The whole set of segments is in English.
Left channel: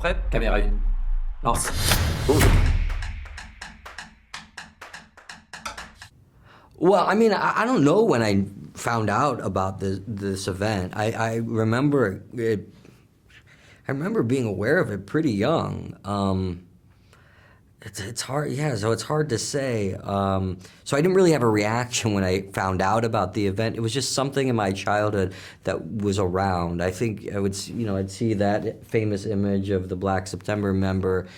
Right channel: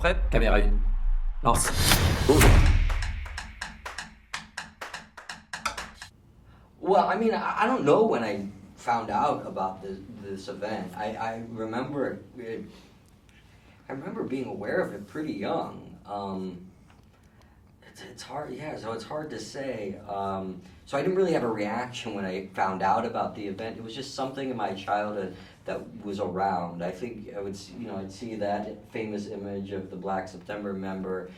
Prêt? Caméra 1. Lance. Well, I mean, I don't know when I found out about this event. I remember it. I remember being aware of it pretty young. It's hard, yeah. So it's hard to say. So I didn't really have a reaction when I found out about the event. It was just something in my childhood that was around. I think I would, I'd see that famous image of the Black September member.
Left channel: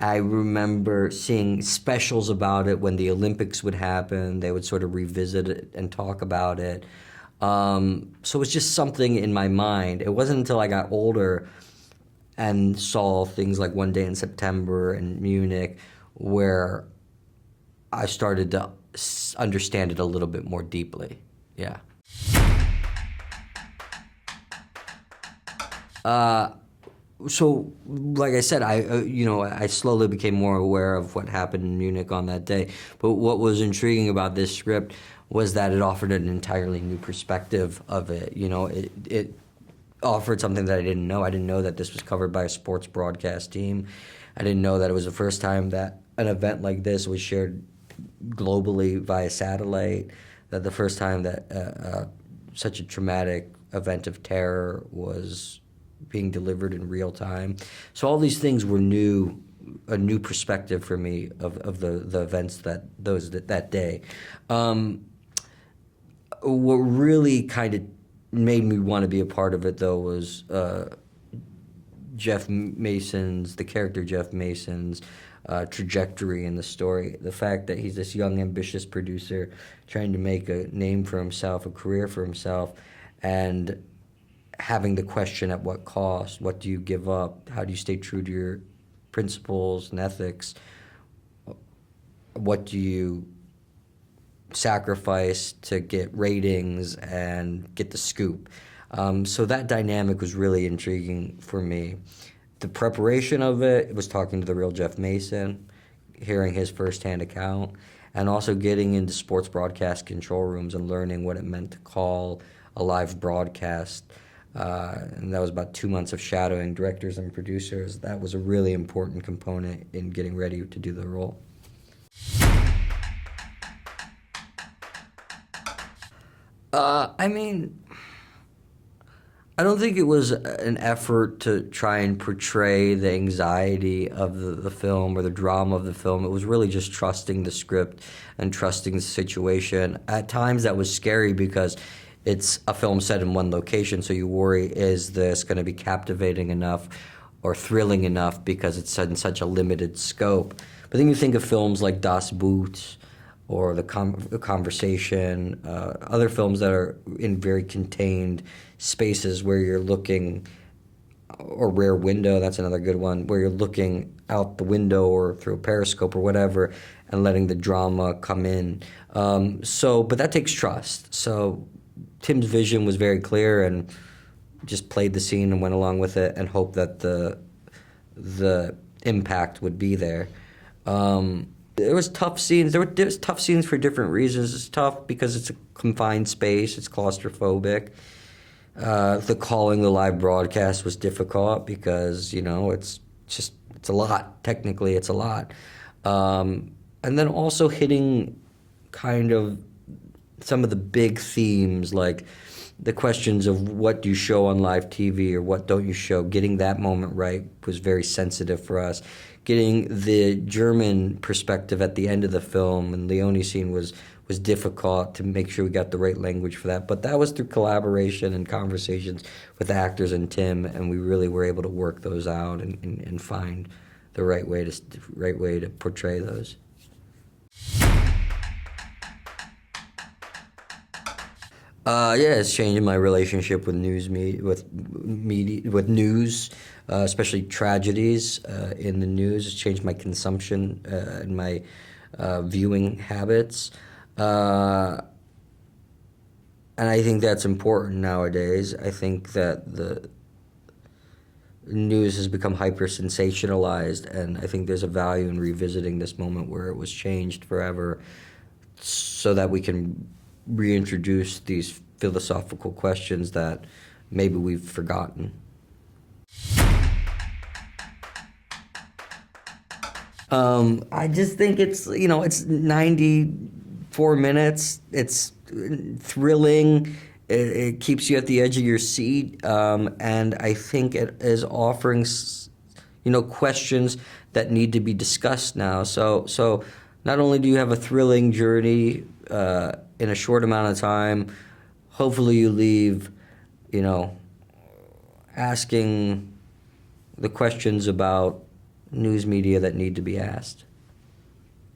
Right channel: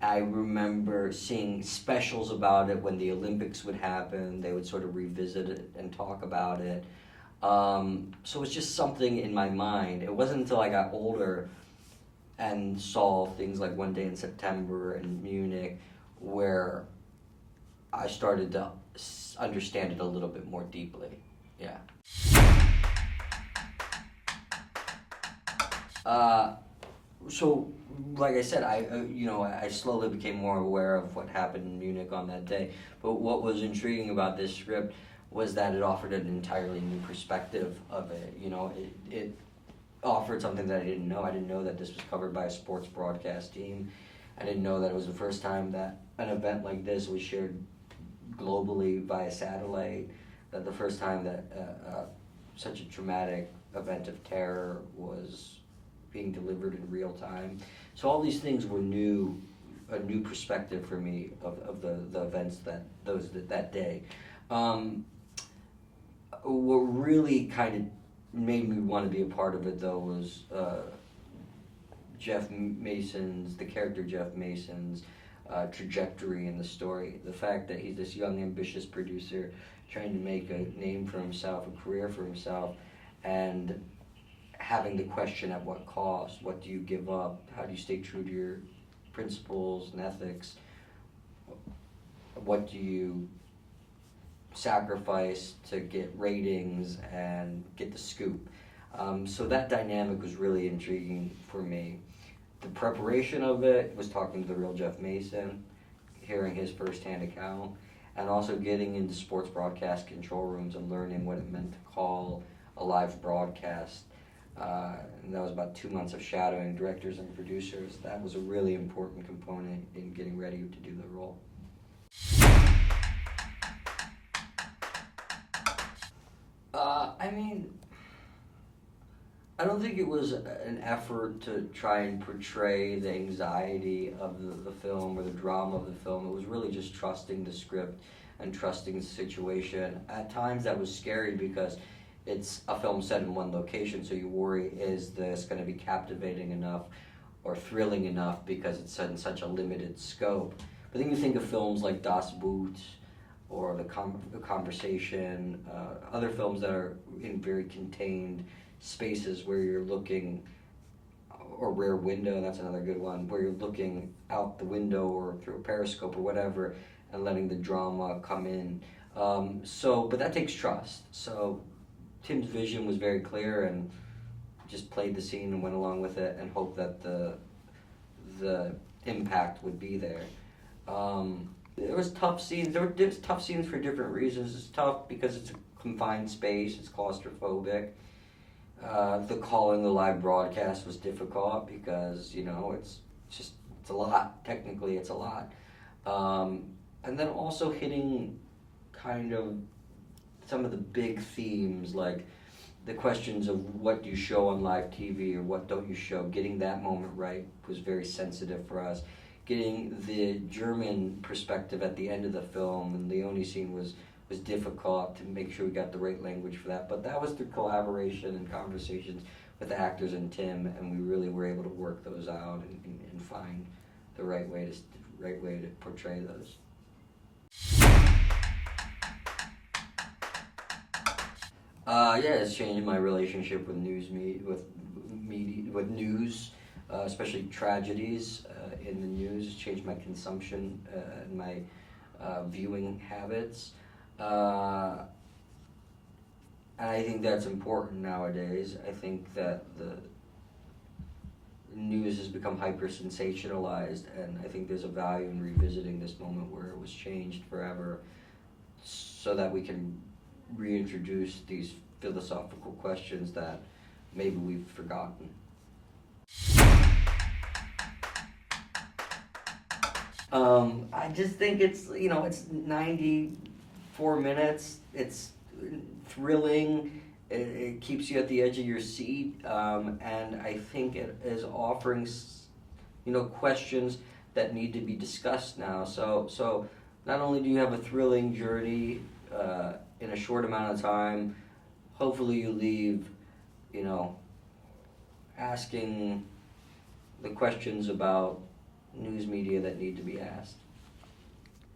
I remember seeing specials about it when the Olympics would happen. They would sort of revisit it and talk about it. So it was just something in my mind. It wasn't until I got older and saw things like One Day in September and Munich where I started to understand it a little bit more deeply. Yeah. So, like I said, I slowly became more aware of what happened in Munich on that day. But what was intriguing about this script was that it offered an entirely new perspective of it. It offered something that I didn't know. I didn't know that this was covered by a sports broadcast team. I didn't know that it was the first time that an event like this was shared globally via satellite, that the first time that such a traumatic event of terror was being delivered in real time. So all these things were a new perspective for me of the events that day. What really kind of made me want to be a part of it, though, was the character Geoff Mason's trajectory in the story. The fact that he's this young, ambitious producer trying to make a name for himself, a career for himself, and having the question, at what cost? What do you give up? How do you stay true to your principles and ethics? What do you sacrifice to get ratings and get the scoop? So that dynamic was really intriguing for me. The preparation of it was talking to the real Geoff Mason, hearing his firsthand account, and also getting into sports broadcast control rooms and learning what it meant to call a live broadcast. And that was about 2 months of shadowing directors and producers. That was a really important component in getting ready to do the role. I don't think it was an effort to try and portray the anxiety of the film or the drama of the film. It was really just trusting the script and trusting the situation. At times that was scary because it's a film set in one location, so you worry, is this going to be captivating enough or thrilling enough because it's set in such a limited scope. But then you think of films like Das Boot or The Conversation, other films that are in very contained spaces where you're looking, or Rear Window, that's another good one, where you're looking out the window or through a periscope or whatever and letting the drama come in. But that takes trust. So Tim's vision was very clear and just played the scene and went along with it and hoped that the impact would be there. There was tough scenes. There was tough scenes for different reasons. It's tough because it's a confined space. It's claustrophobic. The calling the live broadcast was difficult because, it's a lot. Technically, it's a lot. And then also hitting kind of some of the big themes, like the questions of what do you show on live TV or what don't you show. Getting that moment right was very sensitive for us. Getting the German perspective at the end of the film and Leone's scene was difficult to make sure we got the right language for that. But that was through collaboration and conversations with the actors and Tim, and we really were able to work those out and find the right way to portray those. It's changing my relationship with news, especially tragedies in the news. It's changed my consumption and my viewing habits. And I think that's important nowadays. I think that the news has become hyper-sensationalized, and I think there's a value in revisiting this moment where it was changed forever so that we can reintroduce these philosophical questions that maybe we've forgotten. I just think it's, it's 94 minutes. It's thrilling. It keeps you at the edge of your seat. And I think it is offering, questions that need to be discussed now. So not only do you have a thrilling journey in a short amount of time, hopefully you leave, asking the questions about news media that need to be asked.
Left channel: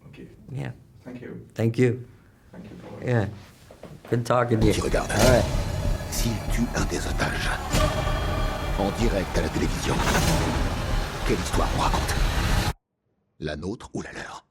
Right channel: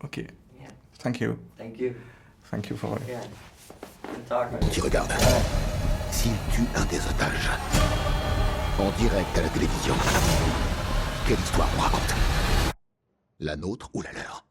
Ok. Yeah. Thank you. Thank you. Thank you for... Yeah. Good talking to you. Qui regarde. S'il tue un des otages, en direct à la télévision, quelle histoire on raconte? La nôtre ou la leur?